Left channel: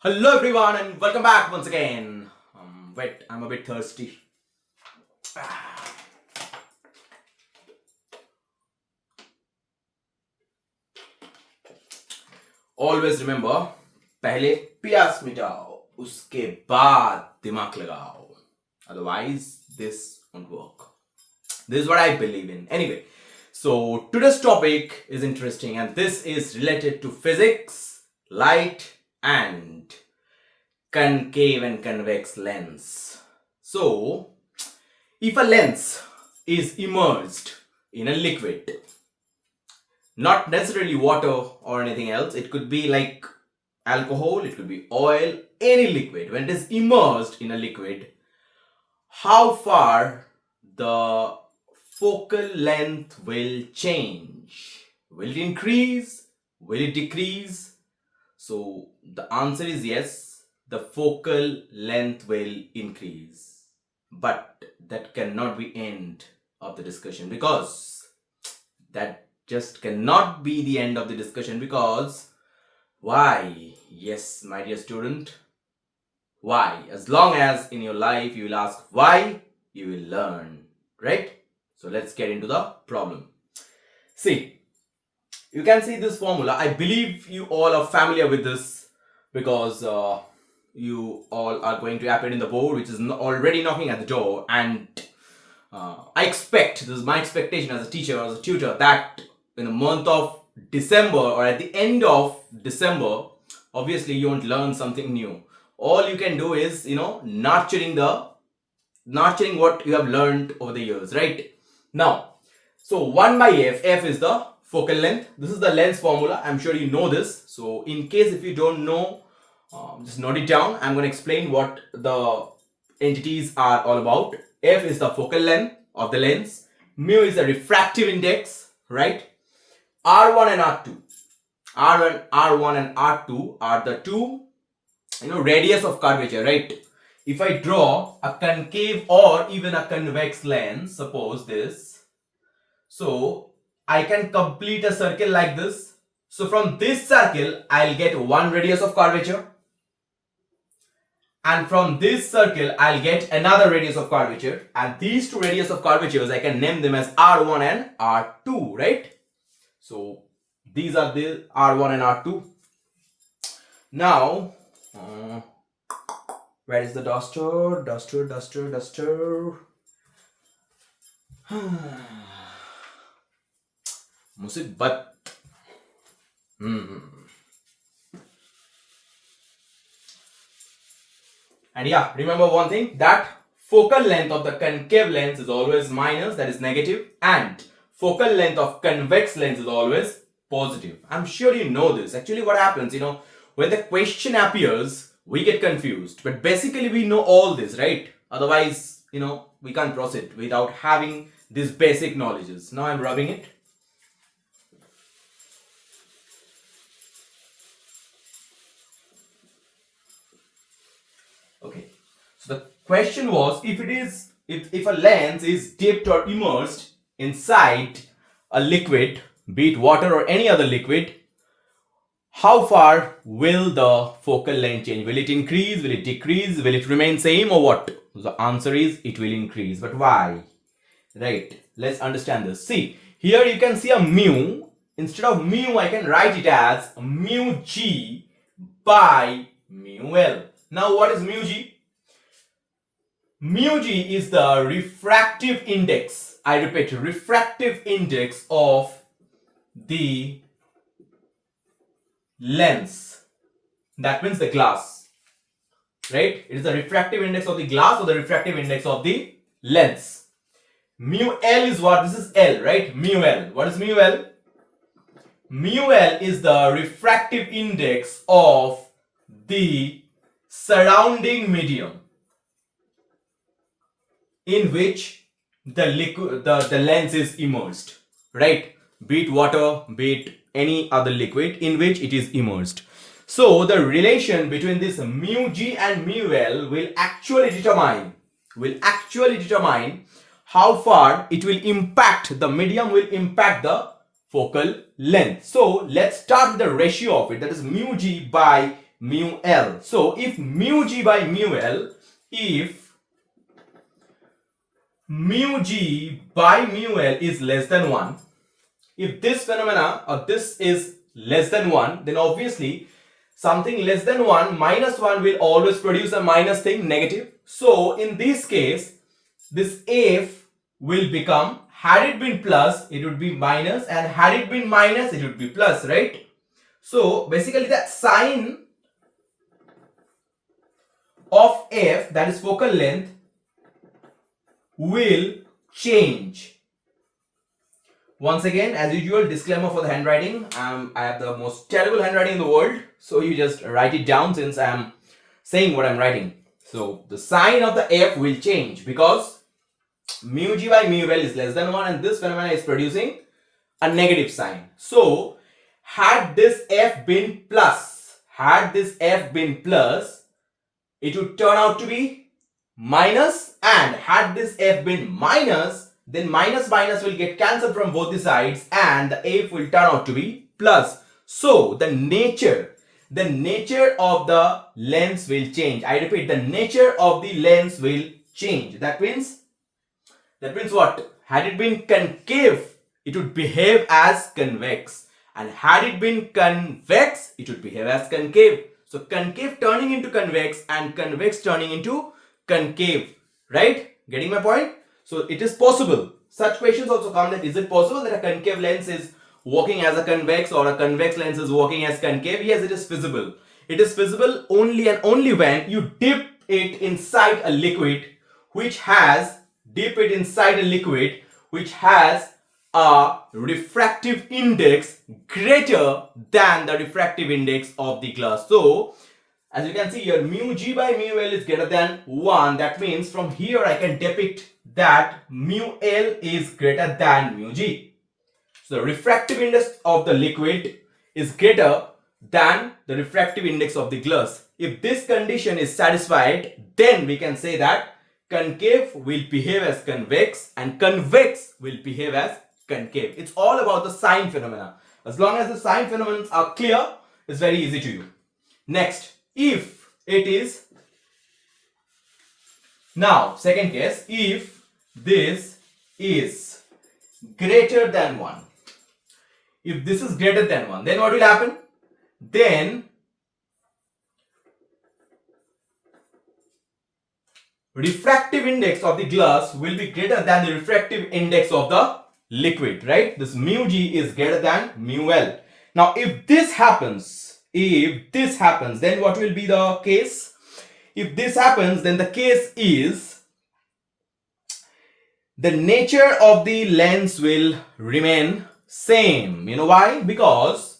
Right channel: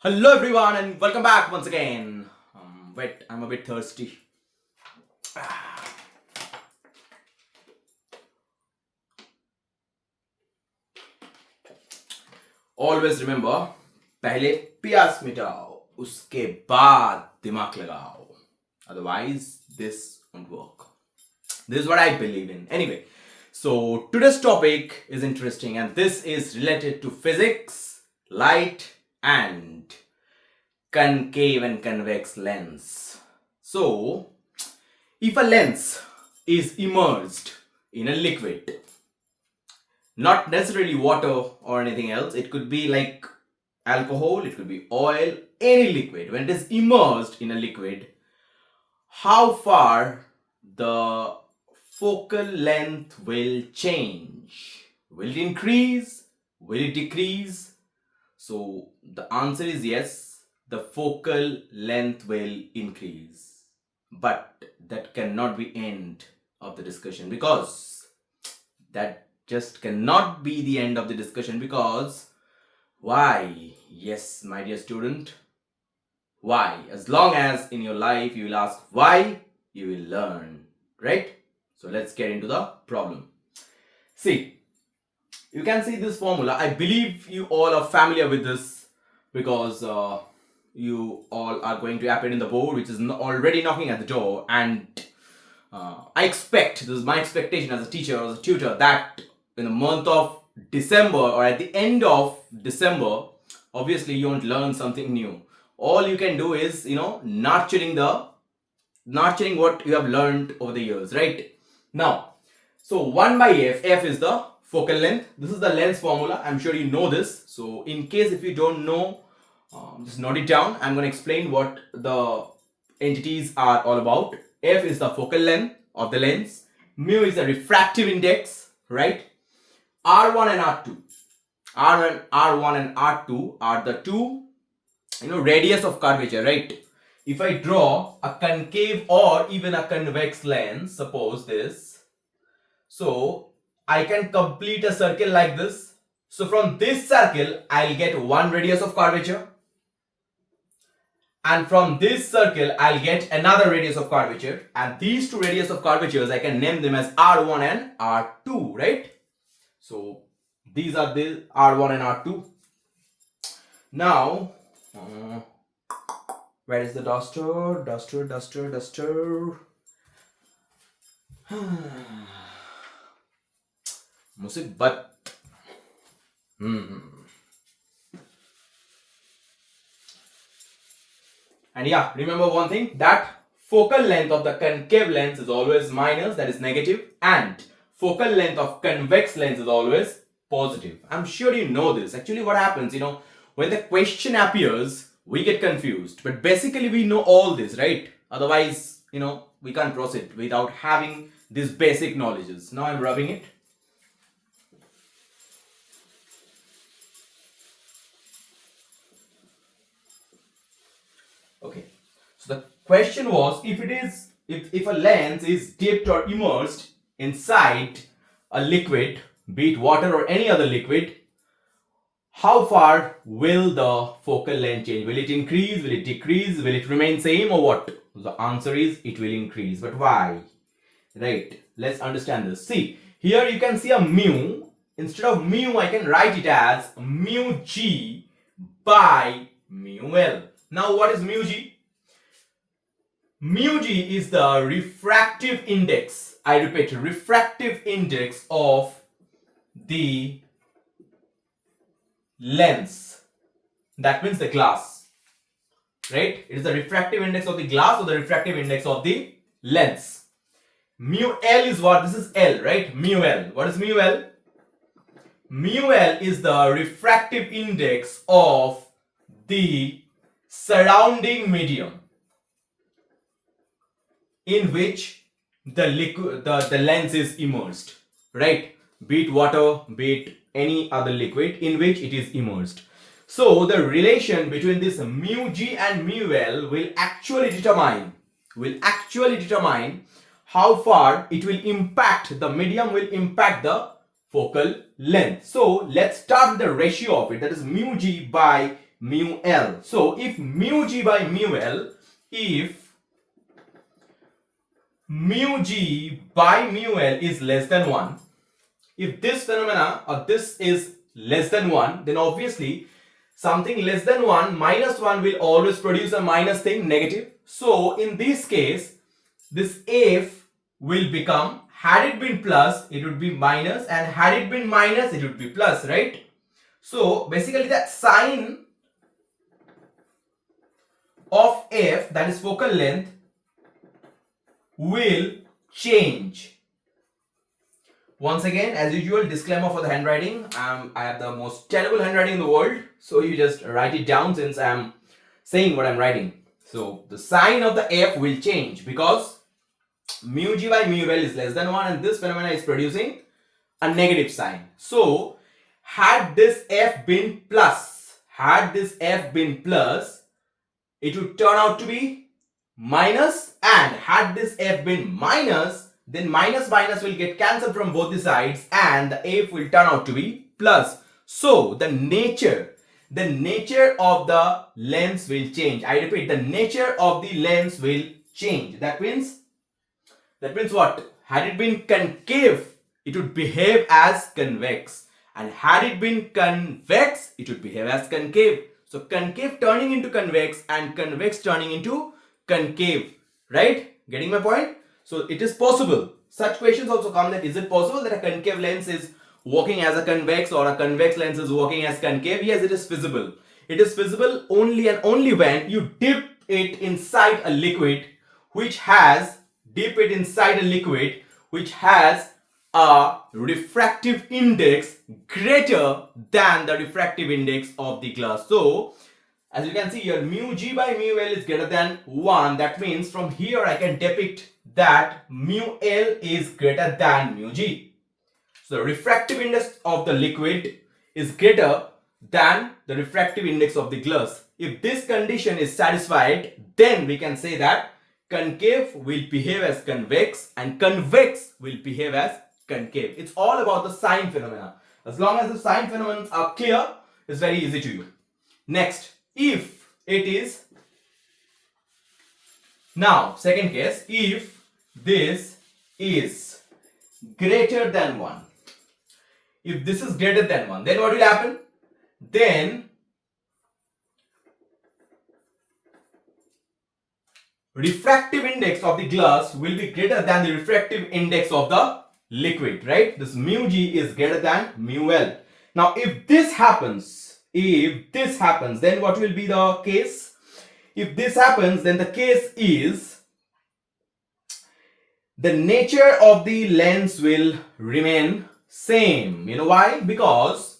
Hello everyone and welcome back once again. Wait, I'm a bit thirsty. Always remember, पहले प्यास मिटाओ, उसके बाद दिमाग लगाओ. Otherwise, this won't work. This is what I believe in. Anyway, so today's topic is interesting and this is related to physics, light and concave and convex lens. So, if a lens is immersed in a liquid, not necessarily water or anything else, it could be like alcohol, it could be oil, any liquid. When it is immersed in a liquid, how far the focal length will change? Will it increase? Will it decrease? So the answer is yes, the focal length will increase. But that cannot be end of the discussion, because that just cannot be the end of the discussion. Because why? Yes, my dear student, why? As long as in your life you will ask why, you will learn, right? So let's get into the problem. See, you can see this formula. I believe you all are familiar with this, because you all are going to appear in the board, which is already knocking at the door. And I expect, this is my expectation as a teacher or as a tutor, that in the month of December or at the end of December, obviously you won't learn something new. All you can do is, nurturing what you have learned over the years, right? Now, so 1 by f is the focal length. This is the lens formula. I'm sure you know this. So in case if you don't know, just note it down. I'm going to explain what the entities are all about. F is the focal length of the lens. Mu is the refractive index, right? R1 and R2. R1 and R2 are the two, radius of curvature, right? If I draw a concave or even a convex lens, suppose this, so I can complete a circle like this. So from this circle, I'll get one radius of curvature. And from this circle, I'll get another radius of curvature. And these two radius of curvatures, I can name them as R1 and R2, right? So these are the R1 and R2. Now, where is the duster? Duster. Musibat. And yeah, remember one thing, that focal length of the concave lens is always minus, that is negative, and focal length of convex lens is always positive. I'm sure you know this. Actually, what happens, when the question appears, we get confused. But basically, we know all this, right? Otherwise, we can't proceed without having these basic knowledges. Now I'm rubbing it. Okay, so the question was, if a lens is dipped or immersed inside a liquid, be it water or any other liquid, how far will the focal length change? Will it increase? Will it decrease? Will it remain same or what? The answer is it will increase. But why? Right, let's understand this. See, here you can see a mu. Instead of mu, I can write it as mu g by mu l. Now, what is mu g? Mu g is the refractive index. I repeat, refractive index of the lens. That means the glass. Right? It is the refractive index of the glass or the refractive index of the lens. Mu L is what? This is L, right? Mu L. What is mu L? Mu L is the refractive index of the surrounding medium in which the lens is immersed, right? Be it water, be it any other liquid in which it is immersed. So the relation between this mu g and mu L will actually determine how far it will impact, the medium will impact the focal length. So let's start with the ratio of it, that is mu g by mu L. So if mu G by mu L, if mu G by mu L is less than 1, if this phenomena or this is less than 1, then obviously something less than 1 minus 1 will always produce a minus thing, negative. So in this case, this F will become, had it been plus, it would be minus, and had it been minus, it would be plus, right? So basically the sign of F, that is focal length, will change. Once again, as usual, disclaimer for the handwriting. I have the most terrible handwriting in the world, so you just write it down since I'm saying what I'm writing. So the sign of the F will change because mu G by mu L is less than 1 and this phenomena is producing a negative sign. So had this F been plus, it would turn out to be minus, and had this F been minus, then minus minus will get cancelled from both the sides and the F will turn out to be plus. So the nature of the lens will change. I repeat, the nature of the lens will change. That means what? Had it been concave, it would behave as convex, and had it been convex, it would behave as concave. So concave turning into convex and convex turning into concave, right? Getting my point? So it is possible. Such questions also come, that is it possible that a concave lens is working as a convex or a convex lens is working as concave? Yes, it is feasible. It is feasible only and only when you dip it inside a liquid which has a refractive index greater than the refractive index of the glass. So as you can see here, mu G by mu L is greater than 1. That means from here I can depict that mu L is greater than mu G. So the refractive index of the liquid is greater than the refractive index of the glass. If this condition is satisfied, then we can say that concave will behave as convex and convex will behave as concave. It's all about the sign phenomena. As long as the sign phenomena are clear, it's very easy to you. Next, if it is, now second case, if this is greater than 1, if this is greater than 1, then what will happen? Then refractive index of the glass will be greater than the refractive index of the liquid, right? This mu G is greater than mu L. Now if this happens, then what will be the case? If this happens, then the case is the nature of the lens will remain same. You know why? Because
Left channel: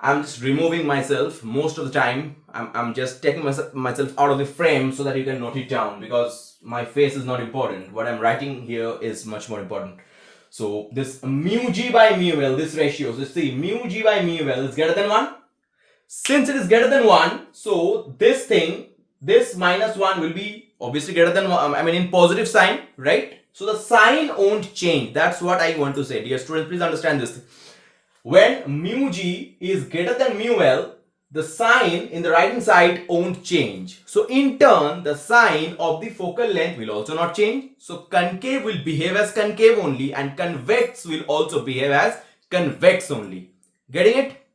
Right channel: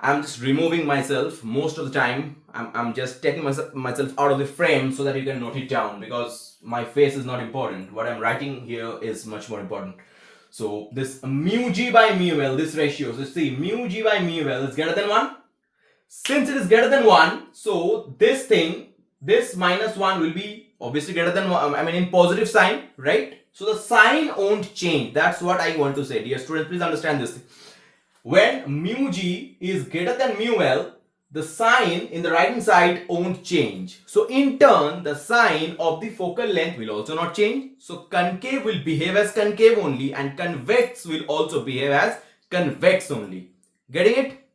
I'm just removing myself most of the time. I'm just taking myself out of the frame so that you can note it down, because my face is not important. What I'm writing here is much more important. So this mu G by mu L, this ratio, so see, mu G by mu L is greater than 1. Since it is greater than 1, so this thing, this minus 1 will be obviously greater than 1, I mean in positive sign, right? So the sign won't change. That's what I want to say. Dear students, please understand this. When mu G is greater than mu L, the sign in the right hand side won't change. So in turn, the sign of the focal length will also not change. So concave will behave as concave only and convex will also behave as convex only. Getting it?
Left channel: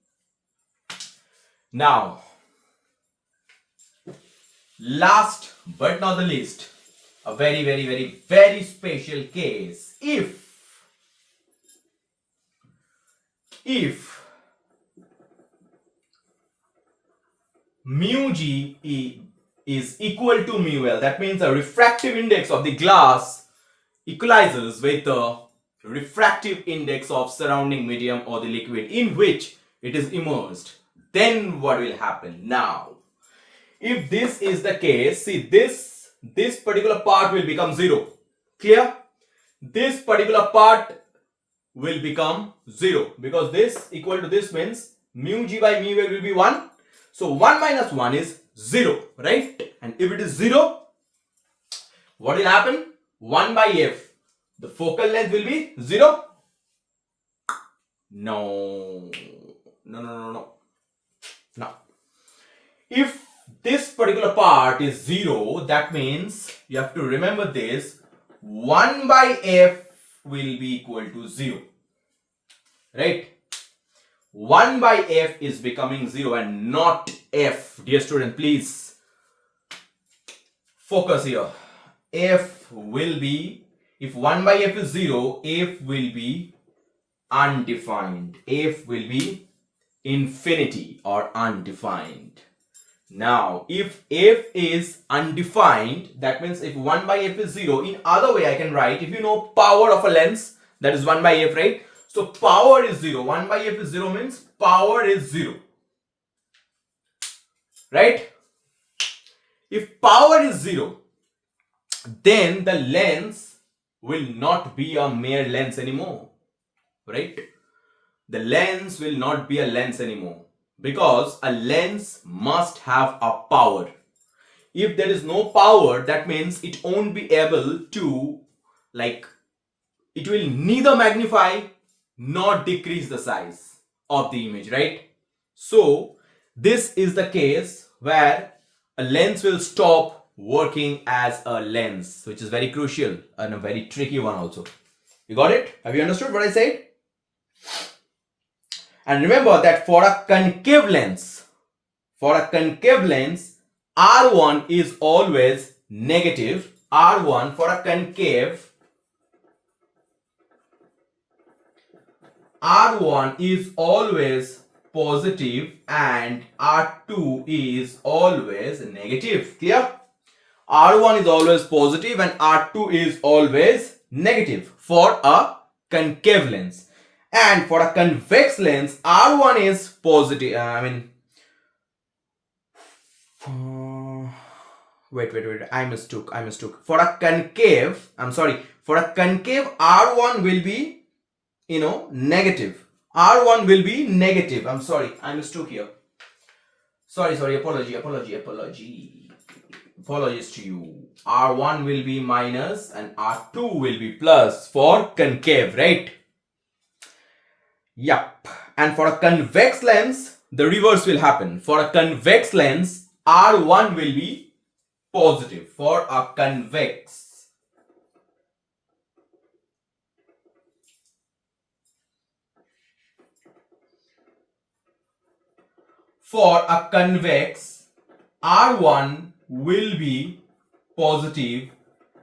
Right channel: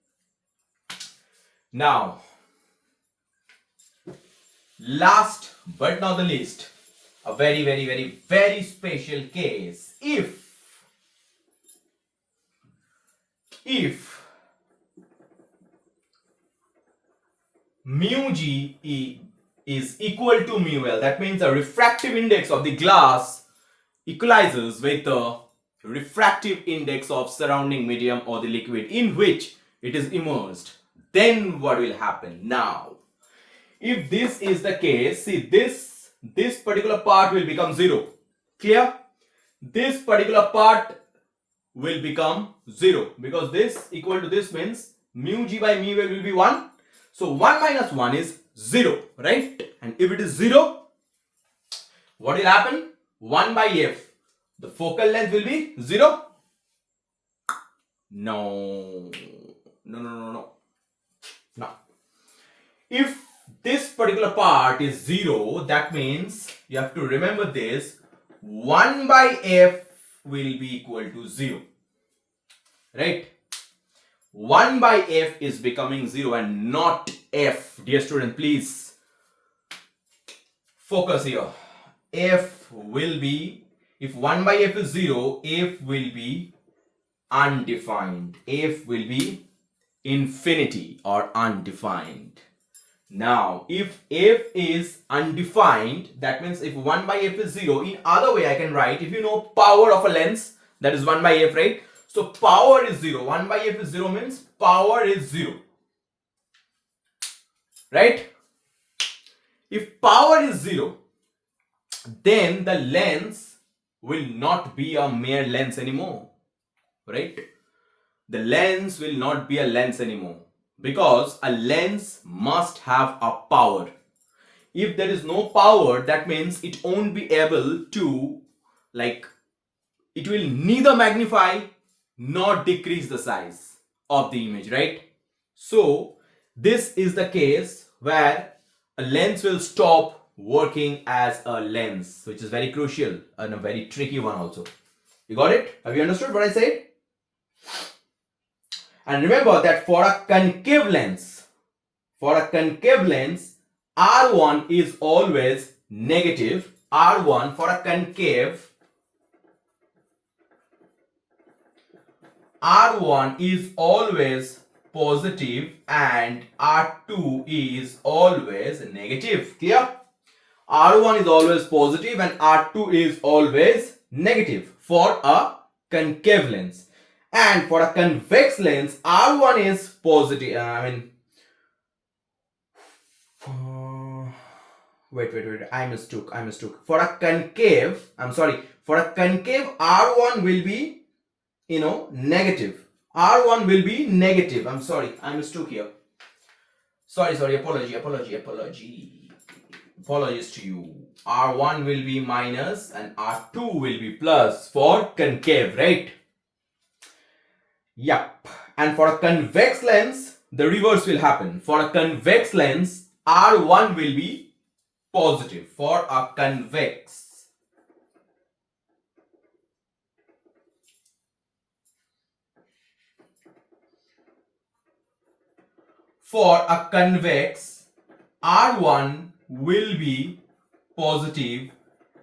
Now, last but not the least, a very, very, very, very special case. If mu G is equal to mu L, that means the refractive index of the glass equalizes with the refractive index of surrounding medium or the liquid in which it is immersed. Then what will happen? Now, if this is the case, see, this particular part will become 0. Clear? This particular part will become 0 because this equal to this means mu G by mu L will be 1. So 1 minus 1 is 0, right? And if it is 0, what will happen? 1 by f. The focal length will be 0. No. If this particular part is 0, that means you have to remember this, 1 by f will be equal to 0, right? 1 by f is becoming 0 and not f. Dear student, please focus here. F will be, if 1 by f is 0, f will be undefined. F will be infinity or undefined. Now, if f is undefined, that means if 1 by f is 0, in other way I can write, if you know power of a lens, that is 1 by f, right? So power is 0. 1 by f is 0 means power is 0. Right? If power is 0, then the lens will not be a mere lens anymore. Right? The lens will not be a lens anymore, because a lens must have a power. If there is no power, that means it won't be able to, like, it will neither magnify nor decrease the size of the image, right? So this is the case where a lens will stop working as a lens, which is very crucial and a very tricky one also. You got it? Have you understood what I said? And remember that for a concave lens, R1 is always negative. R1 for a concave, R1 is always positive and R2 is always negative. Clear? R1 is always positive and R2 is always negative for a concave lens. And for a convex lens, R1 is positive. Wait. I mistook. For a concave, R1 will be, negative. R1 will be negative. I mistook here. Sorry. Apologies to you. R1 will be minus and R2 will be plus for concave, right? Yup. And for a convex lens, the reverse will happen. For a convex lens, R1 will be positive. For a convex. For a convex, R1 will be positive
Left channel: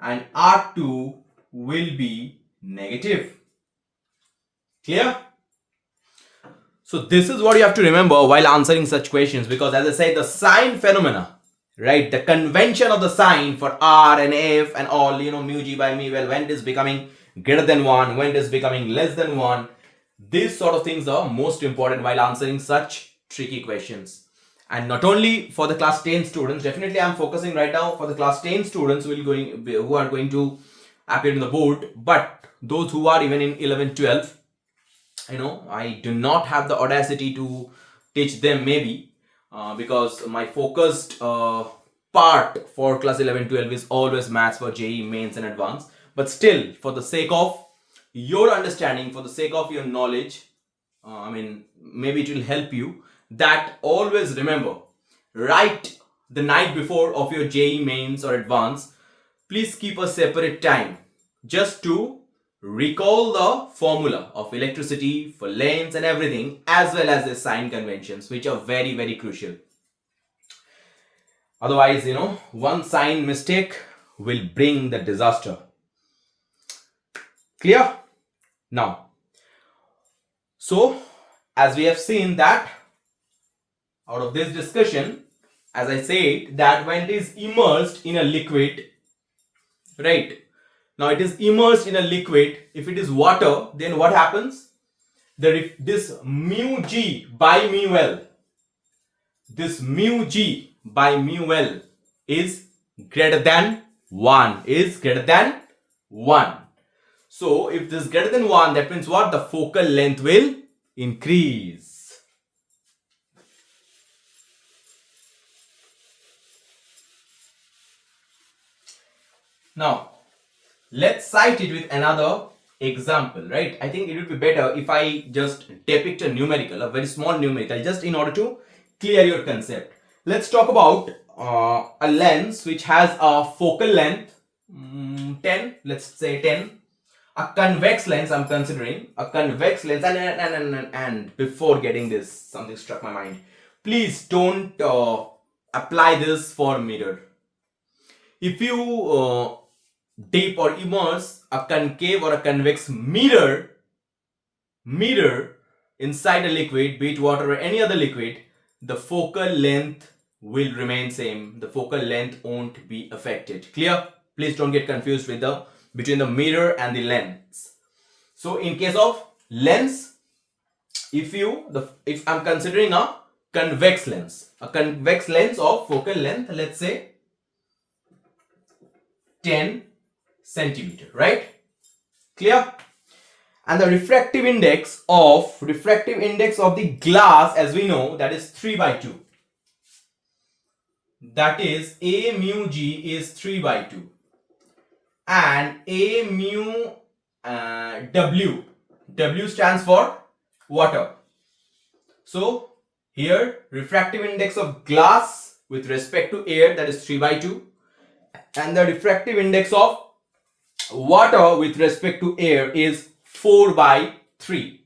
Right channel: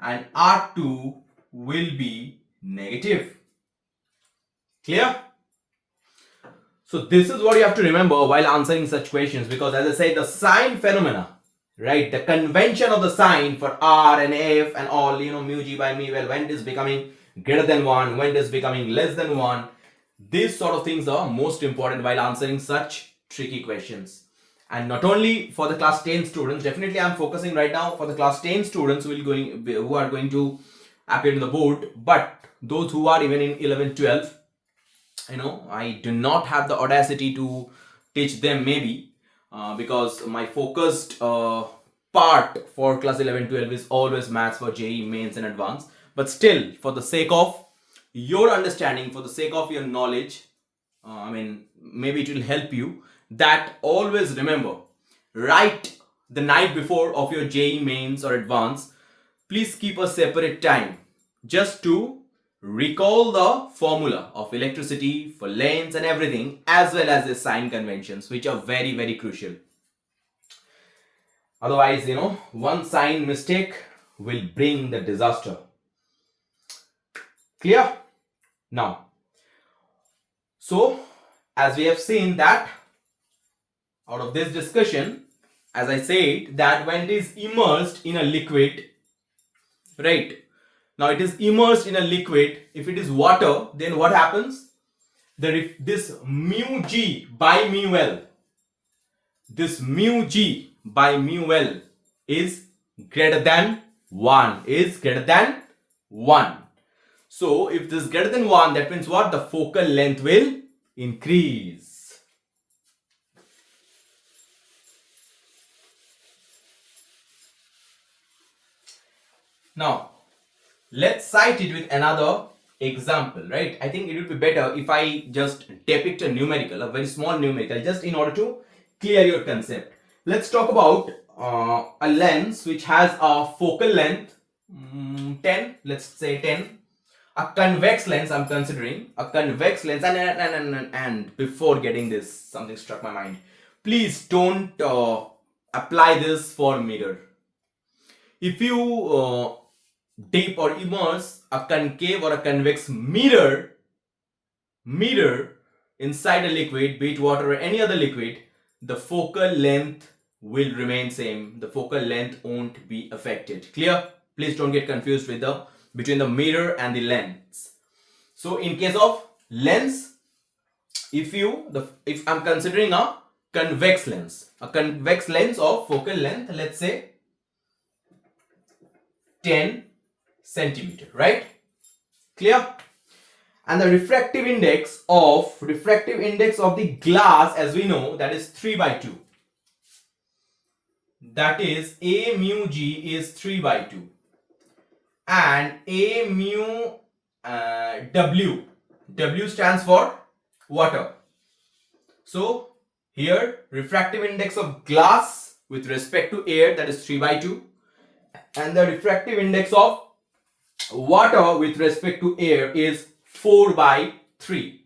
and R2 will be negative. Clear? So this is what you have to remember while answering such questions, because as I said, the sign phenomena, right? The convention of the sign for R and F and all, mu G by mu L, when it is becoming greater than 1, when it is becoming less than 1, these sort of things are most important while answering such tricky questions. And not only for the class 10 students, definitely I'm focusing right now for the class 10 students who are going to appear in the board, but those who are even in 11, 12, I do not have the audacity to teach them maybe because my focused part for class 11, 12 is always maths for JEE, mains and advanced. But still, for the sake of your understanding, for the sake of your knowledge, maybe it will help you, that always remember, right the night before of your JEE mains or advanced, please keep a separate time just to recall the formula of electricity for lens and everything, as well as the sign conventions, which are very, very crucial. Otherwise, one sign mistake will bring the disaster. Clear? Now, so as we have seen that out of this discussion, as I said, that when it is immersed in a liquid, right? Now it is immersed in a liquid. If it is water, then what happens? This mu G by mu L, this mu G by mu L is greater than 1, So if this is greater than 1, that means what? The focal length will increase. Now, let's cite it with another example, right? I think it would be better if I just depict a numerical, a very small numerical, just in order to clear your concept. let's talk about a lens which has a focal length 10, let's say 10. A convex lens, I'm considering a convex lens, and before getting this, something struck my mind. Please don't apply this for mirror. If you dip or immerse a concave or a convex mirror inside a liquid, be it water or any other liquid, the focal length will remain same. The focal length won't be affected. Clear? Please don't get confused with between the mirror and the lens. So in case of lens, if I'm considering a convex lens of focal length, let's say 10 centimeter, right? Clear? And the refractive index of the glass, as we know, that is 3/2. That is A mu G is 3/2, and A mu W stands for water. So here refractive index of glass with respect to air, that is 3/2, and the refractive index of water with respect to air is 4/3.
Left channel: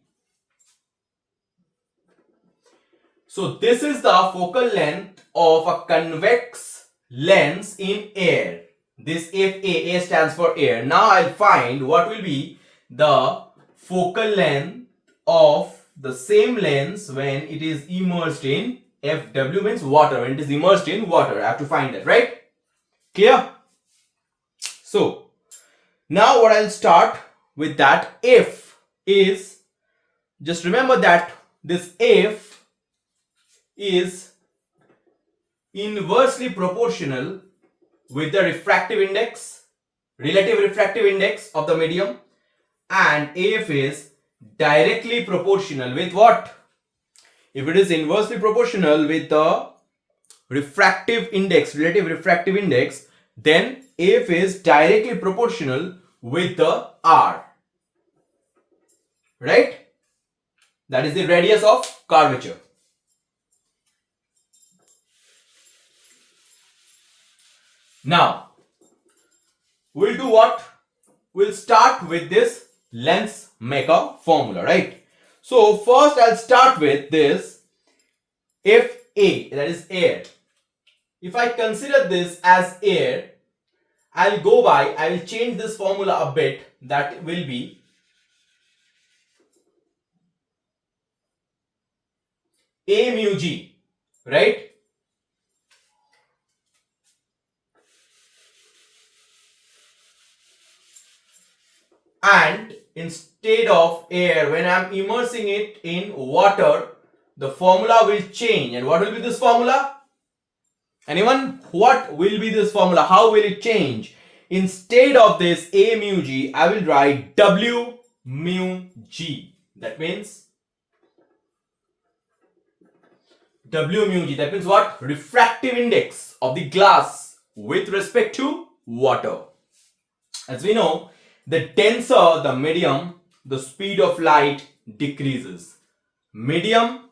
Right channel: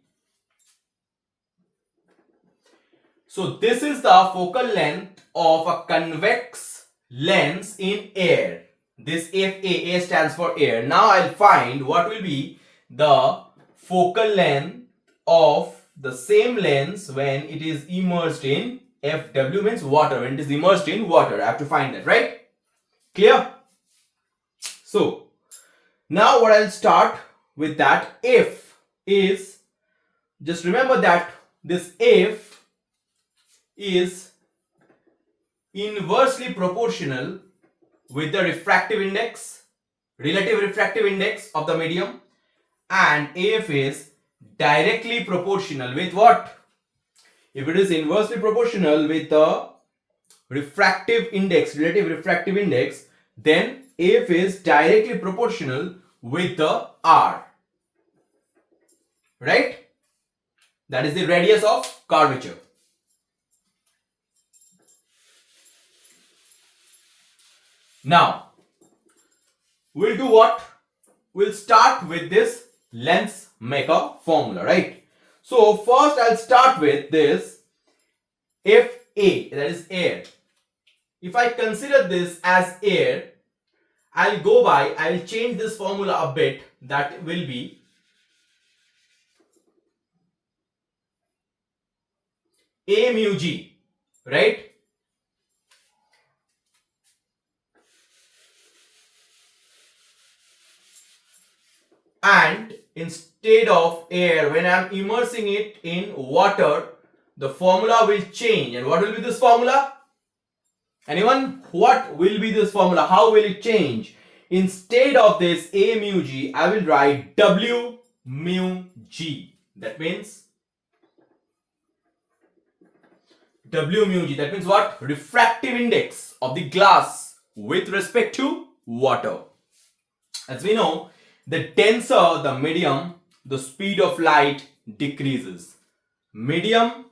So this is the focal length of a convex lens in air. This FA stands for air. Now I'll find what will be the focal length of the same lens when it is immersed in FW, means water. When it is immersed in water, I have to find that, right? Clear? So now what I'll start with, that F is, just remember that this F is inversely proportional with the refractive index, relative refractive index of the medium, and AF is directly proportional with what? If it is inversely proportional with the refractive index, relative refractive index, then AF is directly proportional with the R, right? That is the radius of curvature. Now we'll do what? We'll start with this lens maker formula, right? So first I'll start with this FA, that is air. If I consider this as air, I will change this formula a bit. That will be A mu G, right? And instead of air, when I am immersing it in water, the formula will change. And what will be this formula? Anyone? What will be this formula? How will it change? Instead of this A mu G, I will write W mu G. That means W mu G. That means what? Refractive index of the glass with respect to water. As we know, the denser the medium, the speed of light decreases. The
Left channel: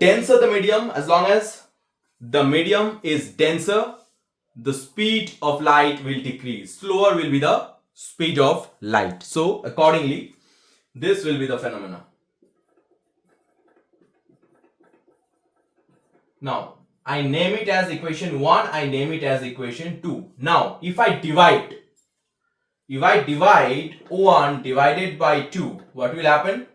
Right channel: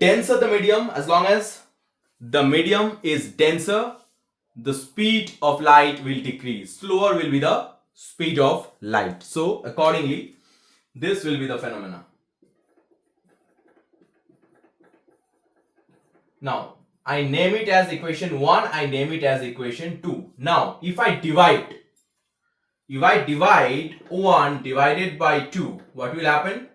denser the medium, as long as the medium is denser, the speed of light will decrease. Slower will be the speed of light. So accordingly, this will be the phenomena. Now I name it as equation 1, I name it as equation 2. Now if I divide 1 divided by 2, what will happen?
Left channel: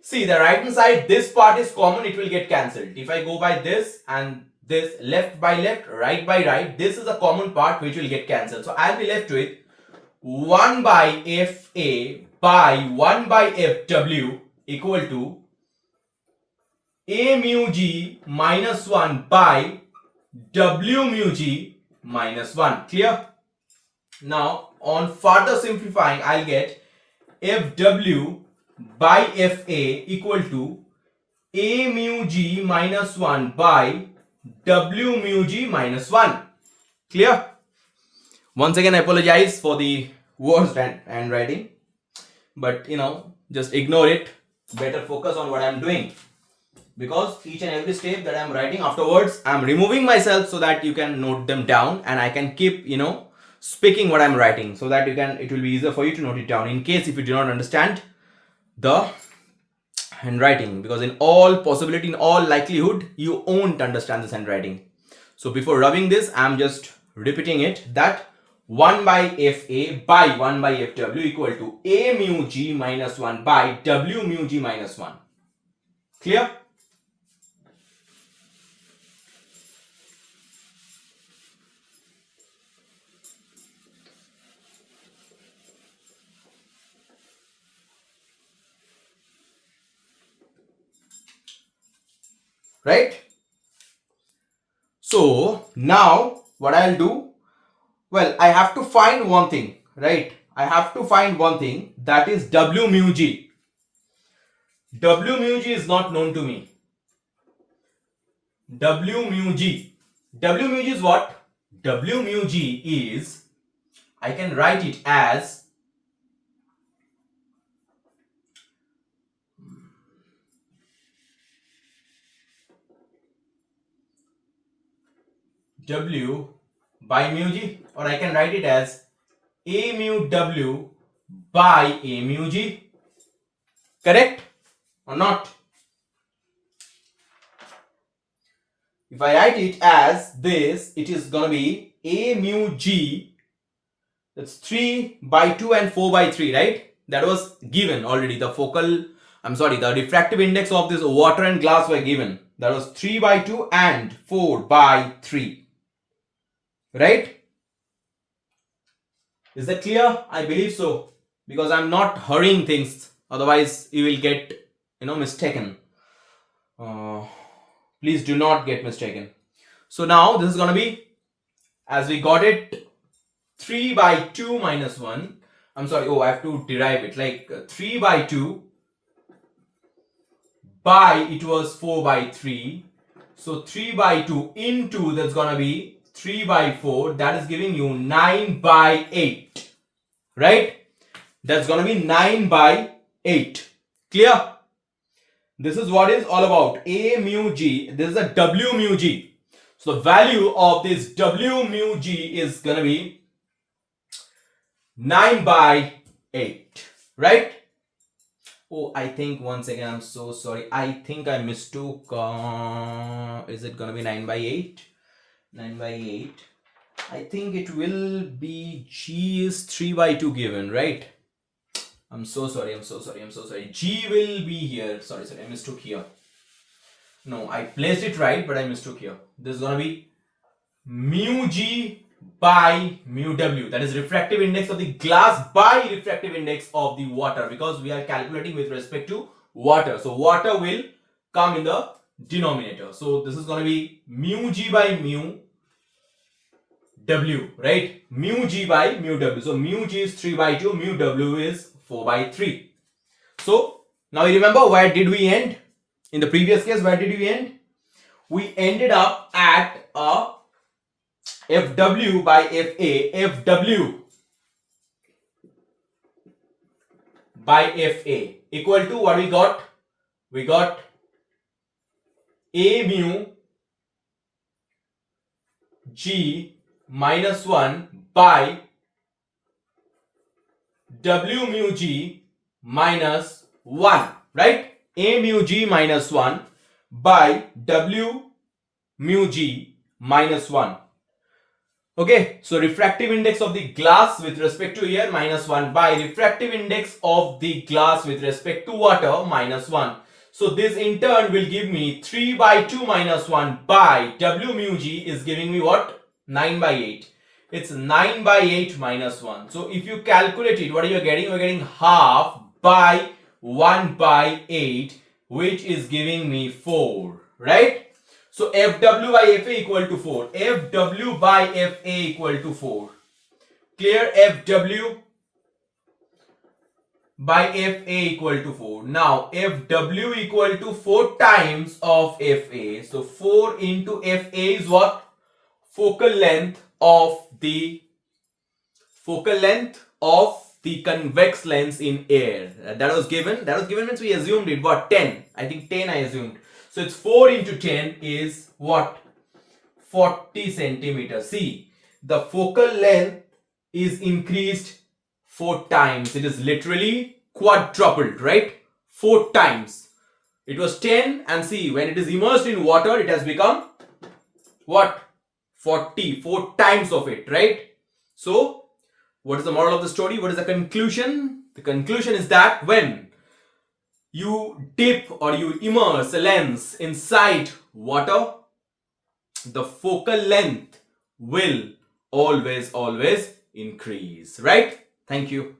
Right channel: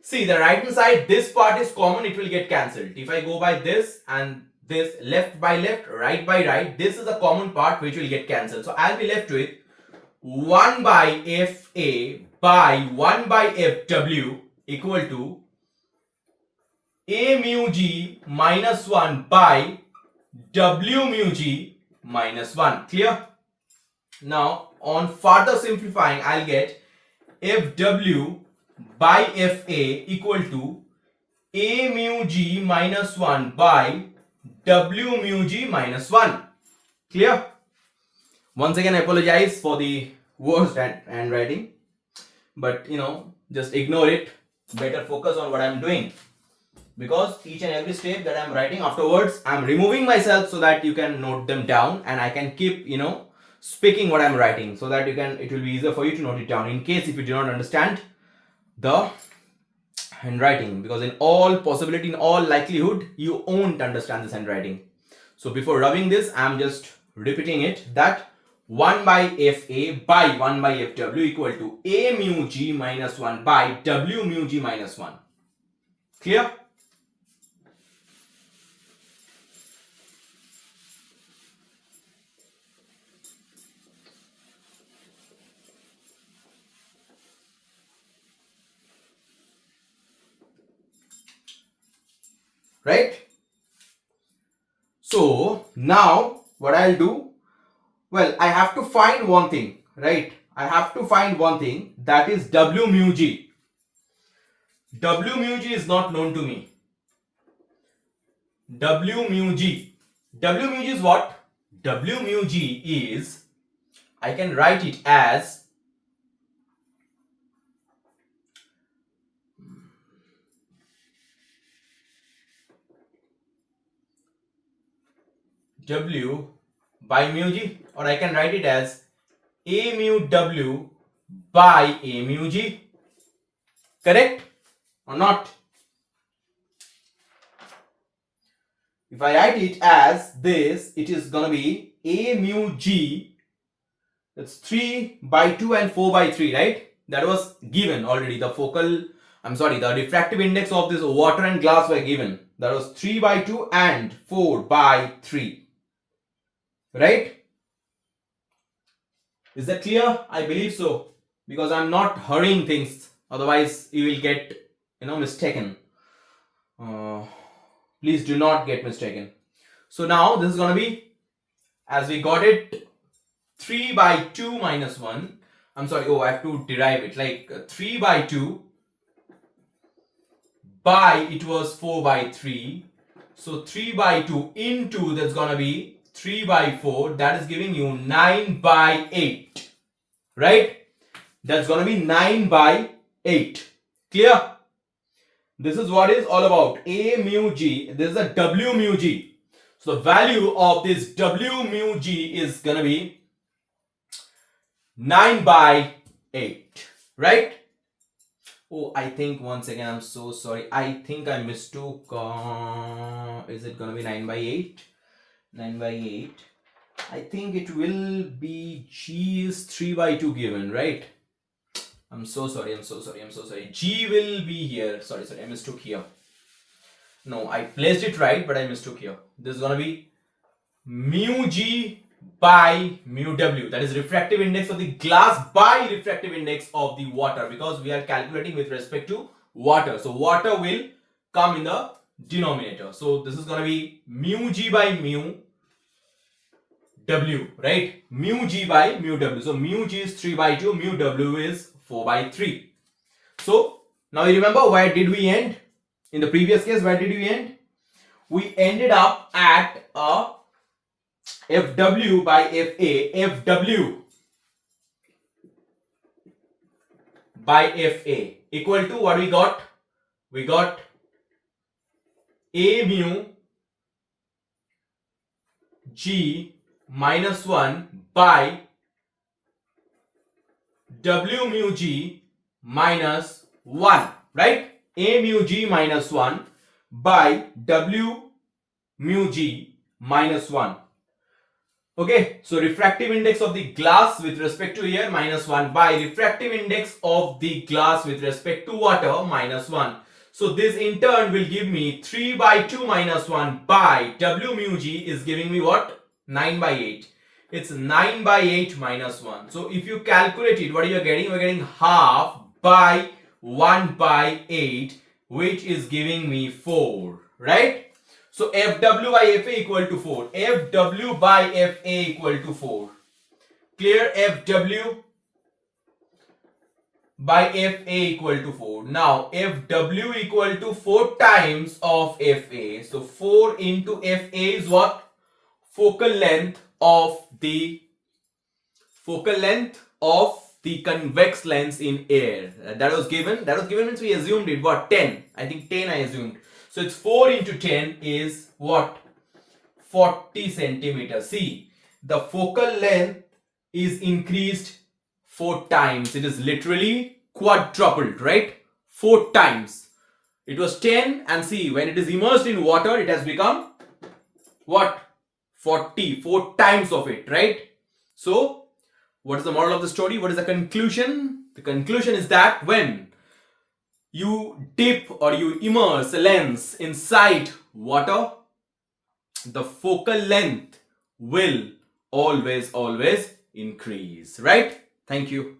See, the right hand side, this part is common, it will get cancelled. If I go by this and this, left by left, right by right, this is a common part which will get cancelled. So I'll be left with 1 by FA by 1 by FW equal to A mu G minus 1 by W mu G minus 1. Clear? Now on further simplifying, I'll get FW by FA equal to A mu G minus 1 by W mu G minus 1. Clear? Once again, I apologize for the worst handwriting, but just ignore it. Better focus on what I'm doing. because each and every step that I'm writing afterwards, I'm removing myself so that you can note them down and I can keep, speaking what I'm writing so that it will be easier for you to note it down in case if you do not understand the handwriting, because in all possibility, in all likelihood, you won't understand this handwriting. So before rubbing this, I'm just repeating it that 1 by FA by 1 by FW equal to A mu G minus 1 by W mu G minus 1. Clear? Right? So now what I'll do, well, I have to find one thing, right? I have to find one thing, that is W mu G. W mu G is not known to me. W mu G. W mu G is what? W mu G is, I can write it as W by mu G, or I can write it as A mu W by A mu G. Correct or not? If I write it as this, it is gonna be A mu G, that's 3 by 2 and 4 by 3, right? That was given already. The refractive index of this water and glass were given. That was 3 by 2 and 4 by 3. Right? Is that clear? I believe so. Because I'm not hurrying things. Otherwise, you will get, mistaken. Please do not get mistaken. So now this is going to be, as we got it, 3 by 2 minus 1. I'm sorry. I have to derive it. Like 3 by 2 by, it was 4 by 3. So 3 by 2 into, that's going to be 3 by 4, that is giving you 9 by 8, right? That's going to be 9 by 8. Clear? This is what is all about. A mu G, this is a W mu G. So the value of this W mu G is going to be 9 by 8, right? I think, once again, I'm so sorry. I think I mistook. Is it going to be 9 by 8? 9 by 8. I think it will be G is 3 by 2 given, right? I'm so sorry. G will be here. Sorry, I mistook here. No, I placed it right, but I mistook here. This is going to be mu G by mu W. That is refractive index of the glass by refractive index of the water, because we are calculating with respect to water. So water will come in the denominator. So this is going to be mu G by mu W, right? Mu G by mu W. So mu G is 3 by 2, mu W is 4 by 3. So now you remember, where did we end? In the previous case, where did we end? We ended up at a FW by FA, FW by FA equal to what we got? We got A mu G minus 1 by W mu G minus 1, right? A mu G minus 1 by W mu G minus 1. Okay, so refractive index of the glass with respect to air minus 1 by refractive index of the glass with respect to water minus 1. So this in turn will give me 3 by 2 minus 1 by W mu G is giving me what? 9 by 8. It's 9 by 8 minus 1. So if you calculate it, what are you getting? You're getting half by 1 by 8, which is giving me 4, right? So FW by FA equal to 4. FW by FA equal to 4. Clear? FW by FA equal to 4. Now FW equal to 4 times of FA. So 4 into FA is what? Focal length of the convex lens in air. That was given. That was given means we assumed it. What? 10. I think 10 I assumed. So it's 4 into 10 is what? 40 centimeters. See, the focal length is increased 4 times. It is literally quadrupled, right? 4 times. It was 10, and see, when it is immersed in water, it has become what? 40, 4 times of it, right? So, what is the moral of the story? What is the conclusion? The conclusion is that when you dip or you immerse a lens inside water, the focal length will always increase, right? Thank you.